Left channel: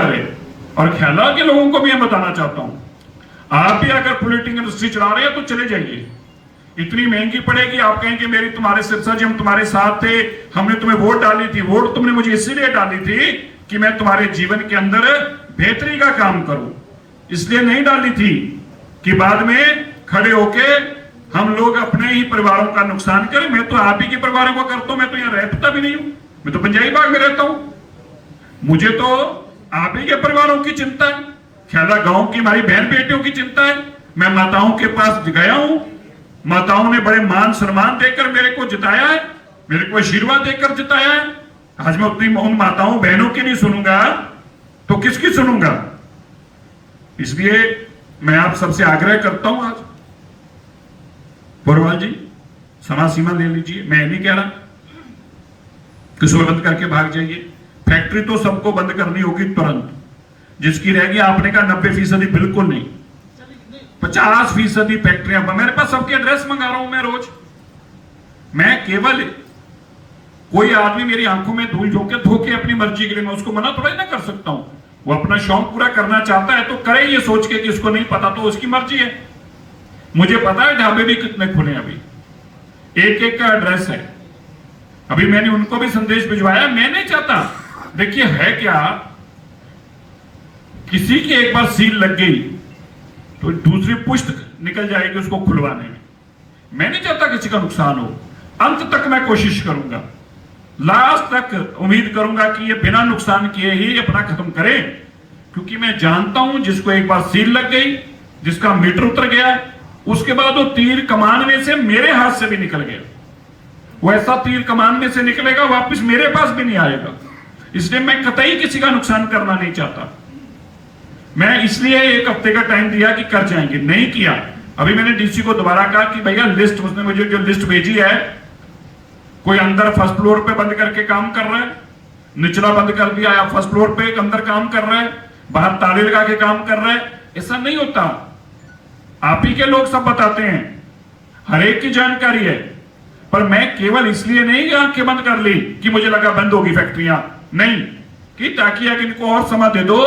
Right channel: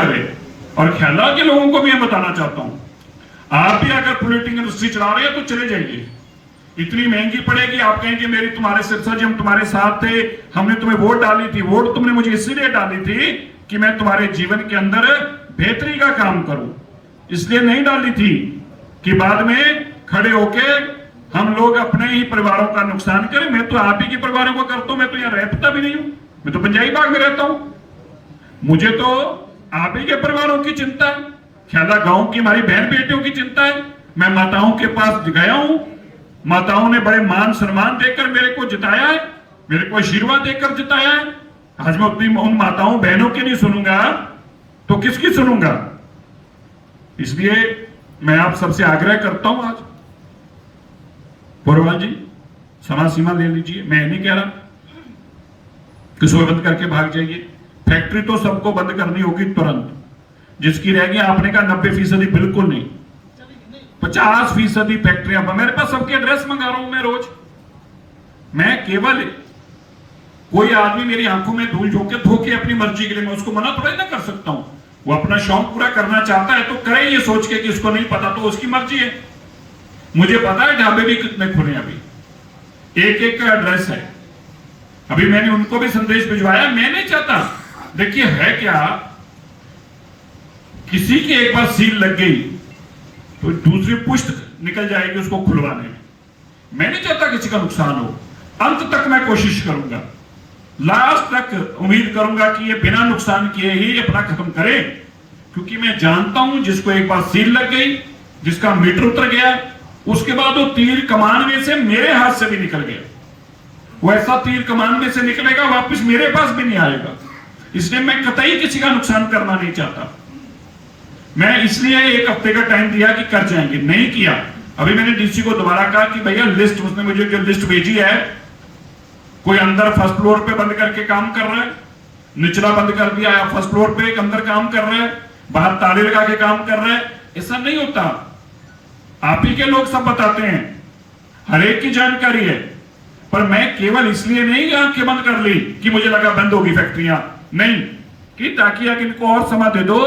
रहे। और ख्याला के लोगों को भी मैं बताना चाहता हूं, आप भी अगर पॉलिटिकल इंडस्ट्री चला रहे हो तो चले जाइए, इतनी महंगी पड़ेगी। आप कहेंगे मेरी तुम्हारे सिरसा जी हम तुम्हारे साथ थे, हमने तुम्हें वोट डाली थी, वोट तुमने मुझे इसीलिए डाली थी कि मैं तुम्हारे जीवन के अंदर बेहतरी का काम करूं, इसलिए नहीं डाली थी कि बाद में खड़े होके हम लोग अपने ही परिवारों का नुकसान करें। मैं तो आप ही के परिवारों को करता हूं, मैं तो यहां रहता भी नहीं हूं, मैं तो पंजाबी बाग में रहता हूं, मुझे तो आप ही के परिवारों की चिंता है, ख्याला गांव की हमारी बहन बेटियों की चिंता है। मैं माताओं के पास गया हूं, माताओं ने बड़े मान सम्मान देकर मेरे को जिताया है, मेरे को आशीर्वाद देकर जिताया है। आज मैं उतनी उन माताओं बहनों की नहीं सुनूंगा तो किसकी सुनूंगा? इसलिए मैं आप सबसे आग्रह करता हूं, आज बोरवाल जी समा सीमा ले लीजिए, मैं नहीं कह रहा किसी बंद करके भाग जाइए, फैक्ट्री तो सबको बंद करनी होगी तुरंत, जिसकी रहेगी आपने कहा 90% बिल्कुल नहीं, 50% फैक्ट्रियां। मेरे पास सबके एड्रेस मंगा रहा हूं मैं रोज, मैं केवल कोई आदमी मेरी आंखों में धूल धोके अपनी मर्जी के लिए, मैं उसको मना थोड़ा ना कर सकता हूं, वो अपना शौक पूरा करना चाहता है तो करे, ये सोच के कि उसको नहीं पता तो उसकी मर्जी है। मुझे पता है ढाबे भी कितने खुले, अभी एक एक का एड्रेस है, अभी मैंने उनको भी संदेश भिजवाया। मैं नहीं चाहता, देखिए है क्या, किसी की एक बार सील लग गई तो दूसरी पुष्ट निकल जाएगी उसको खुलवाने में। मैं नहीं चाहता किसी का नुकसान हो, अंत तक मैं कोशिश करूंगा, लास्ट तक उम्मीद करूंगा कि ये बिना नुकसान किए ही अपना खत्म करे, क्योंकि मैं जानता हूं जिसको एक बार सील लग गई, जिसका मीटर उतर गया, उसके बाद वो तीर कमान में से मेरे हाथ से भी निकल गया, वो ऐसा तीर कमान में से निकलेगा वापस मेरे पास भी नहीं आएगा। इसलिए मैं कतई किसी का नुकसान करना नहीं चाहता। मैं इसलिए एक हफ्ते का टाइम दिया कि कर जाएंगे, नहीं किया। अभी मैंने डीसी को दोबारा कहा कि भैया लिस्ट, उसने मुझे जो लिस्ट भेजी है, कोई अंदर फर्स्ट फ्लोर पे बंद करके काम कर रहा है, निचला बंद कर दिया, या फर्स्ट फ्लोर पे अंदर काम कर रहे हैं, बाहर ताले लगा के काम कर रहे हैं, ऐसा नहीं होता। आप ही के लोग सब बताते हैं, हर एक की जानकारी है, पर मैं केवल इसलिए नहीं आंखें बंद कर ली कि मुझे लगा बंद होगी फैक्ट्रियां, नहीं, कि ताकि अगर इनको और समय दे दो,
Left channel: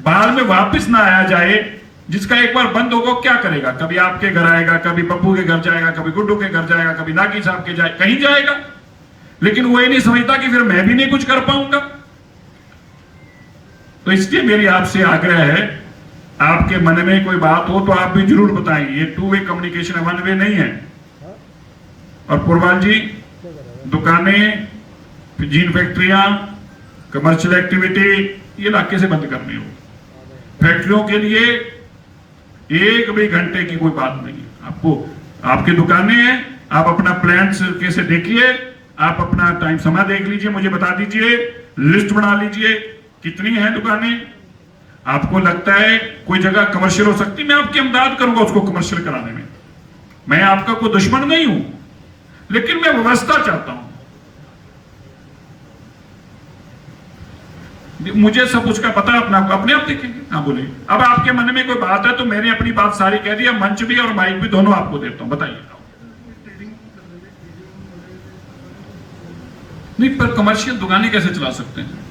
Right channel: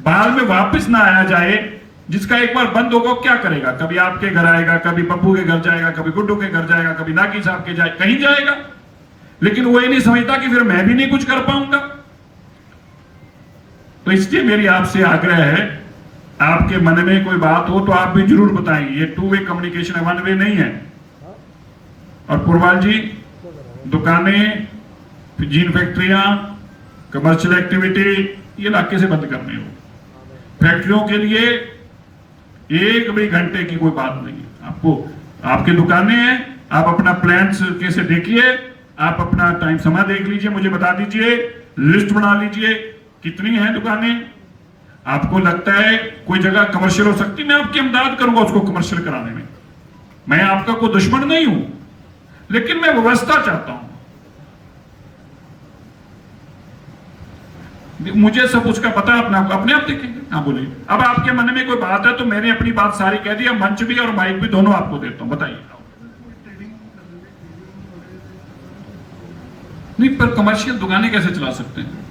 बाद में वापस ना आया जाए। जिसका एक बार बंद होगा क्या करेगा, कभी आपके घर आएगा, कभी पप्पू के घर जाएगा, कभी गुड्डू के घर जाएगा, कभी नागी साहब के जाए, कहीं जाएगा, लेकिन वो ये नहीं समझता कि फिर मैं भी नहीं कुछ कर पाऊंगा। तो इसलिए मेरी आपसे आग्रह है, आपके मन में कोई बात हो तो आप भी जरूर बताएं, ये 2 वे कम्युनिकेशन है, 1 वे नहीं है। और पुरवाल जी, दुकानें, जीन फैक्ट्रियां, कमर्शियल एक्टिविटी ये इलाके से बंद करने हो। फैक्ट्रियों के लिए 1 भी घंटे की कोई बात नहीं है। आपको आपकी दुकानें हैं, आप अपना प्लान्स कैसे देखिए, आप अपना टाइम समय देख लीजिए, मुझे बता दीजिए, लिस्ट बना लीजिए कितनी है दुकानें। आपको लगता है कोई जगह कमर्शियल हो सकती है, मैं आपकी इमदाद करूंगा उसको कमर्शियल कराने में। मैं आपका कोई दुश्मन नहीं हूं, लेकिन मैं व्यवस्था चाहता हूं। मुझे सब कुछ का पता है, अपने आप देखेंगे। हाँ बोलिए, अब आपके मन में कोई बात है तो मैंने अपनी बात सारी कह दी, मंच भी और माइक भी दोनों आपको देता हूं, बताइए। नहीं, पर कमर्शियल दुकानें कैसे चला सकते हैं?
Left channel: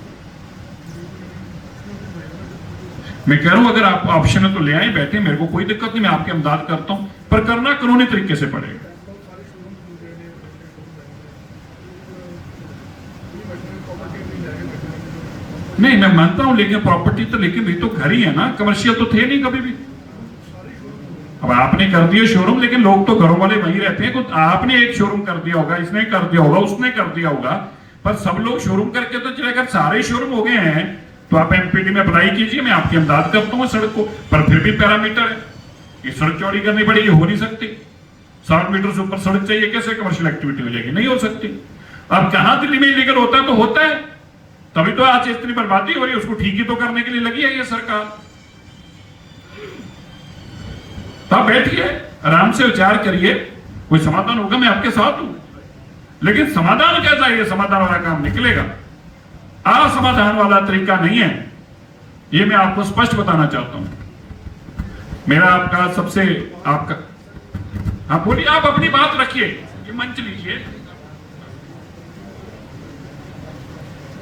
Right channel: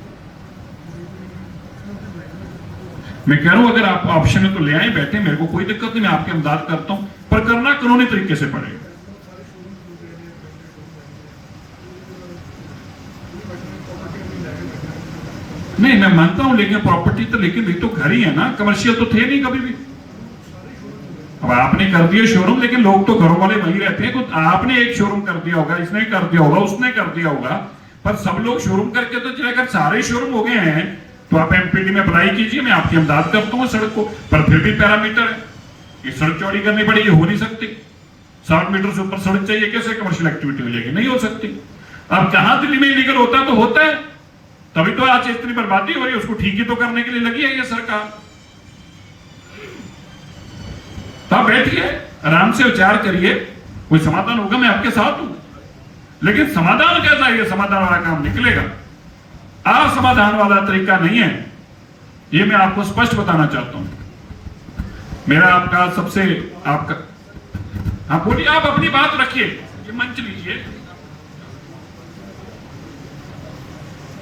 मैं कह रहा हूं अगर आप ऑप्शन है तो ले आए, बैठे, मेरे को कोई दिक्कत नहीं, मैं आपकी इमदाद करता हूं, पर करना कानूनी तरीके से पड़ेगा। नहीं, मैं मानता हूं, लेकिन प्रॉपर्टी तो, लेकिन भी तो घर ही है ना, कमर्शियल तो थे नहीं कभी भी। अब आपने कर दिया शोरूम, लेकिन लोग तो घरों वाले वहीं रहते हैं। कुछ आपने एक शोरूम कर दिया होगा, इसने कर दिया होगा, उसने कर दिया होगा, पर सब लोग शोरूम करके तो चले, अगर सारे शोरूम हो गए हैं तो आप एमपीडी में अप्लाई कीजिए, मैं आपकी इमदाद करता हूँ सड़क को। पर फिर भी पैरामीटर है, ये सड़क चौड़ी करनी पड़ेगी, हो नहीं सकती। 60 मीटर से ऊपर सड़क चाहिए, कैसे कमर्शियल एक्टिविटी हो जाएगी? नहीं हो सकती। अब कहां दिल्ली में इलीगल होता है तो होता है, तभी तो आज इतनी बर्बादी हो रही है, उसको ठीक ही तो करने के लिए लगी है ये सरकार। तो आप बैठिए, आराम से विचार करिए, कोई समाधान होगा, मैं आपके साथ हूं। लेकिन समाधान कैसा है, ये समाधान वाला काम निकलेगा, असमाधान वाला तरीका नहीं है, ये मैं आपको स्पष्ट बताना चाहता हूं। मेरा आपका सबसे आपका, हाँ बोलिए, आप अपनी बात रखिए, ये मंच लीजिए।